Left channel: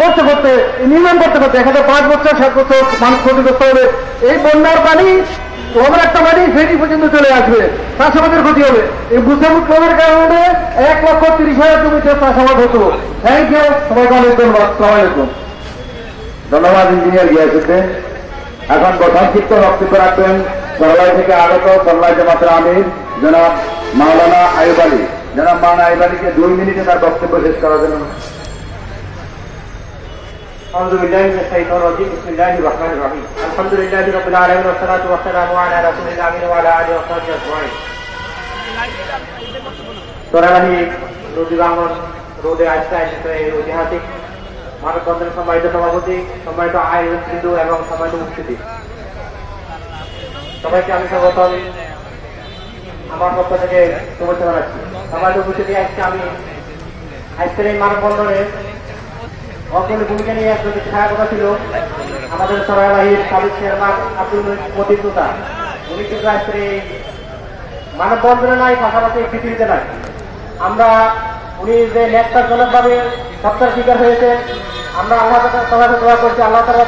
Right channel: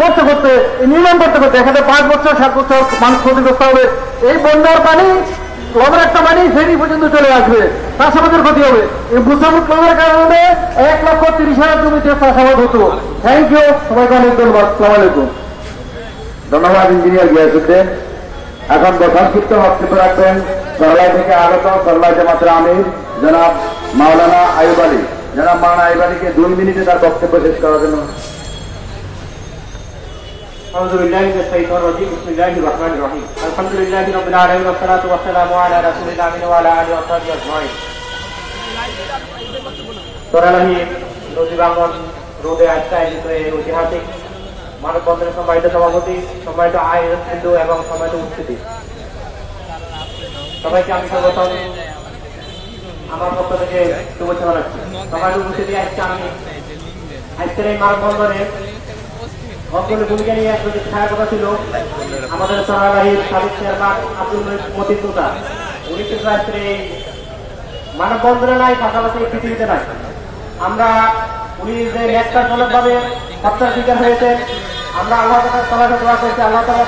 করতে করতে নির্মাণ করতে করতে এখানে 5 বছর 7 বছর মানুষ ক্ষতিগ্রস্ত হবে। এই বন্যার পানি ক্লবের একটা পানি ফেরি পর্যন্ত চলে আসবে, চাষাবাদের ক্ষতি হবে। এই বুসামুখ ক্লবের কারণে 1,30,000 জমিতে চাষাবাদ হতো। থ্যাংক ইউ, সবাইকে অনেক ধন্যবাদ। আসসালামু আলাইকুম। ধন্যবাদ ইঞ্জিনিয়ার গিয়াসুদ্দিন। এখন সংক্ষিপ্ত বক্তব্য রাখবেন সরলাই থেকে আগত সরলাই জামাতের আমির জনাব মাওলানা আইয়ুব আলী। জনাব মাওলানা আইয়ুব আলীকে 2 মিনিটে তার বক্তব্য শেষ করার জন্য। أعوذ بالله من الشيطان الرجيم بسم الله الرحمن الرحيم الحمد لله رب العالمين والصلاة والسلام على رسول الله وعلى آله وصحبه أجمعين সোনালী নদীবাংলা রোডে আজকে আয়োজিত এই ঐতিহাসিক মানববন্ধনের সম্মানিত সভাপতি, সম্মানিত আয়োজক বিন্দু এবং সম্মানিত উপস্থিতি, সবাইকে আমি স্বাগতম আমার পক্ষ থেকে শুভেচ্ছা জানাচ্ছি। সম্মানিত উপস্থিতি, আজকে আমি আজকের এই মানববন্ধনে অগ্রণী ভূমিকা নিয়ে একজন ছায়াপথা ছিল আমাদের সরাইবাহির সাবেক চেয়ারম্যান আব্দুল মতিন মুতা। উনি কিন্তু আজকের এই মানববন্ধনে নাই, পাশাপাশি পৃথিবীতে নাই। আমরা উনি যে ন্যাক্তারজনকভাবে হত্যার শিকার হয়েছে, আমরা আল্লাহ তাআলার কাছে দোয়া করছি, আল্লাহ তাআলা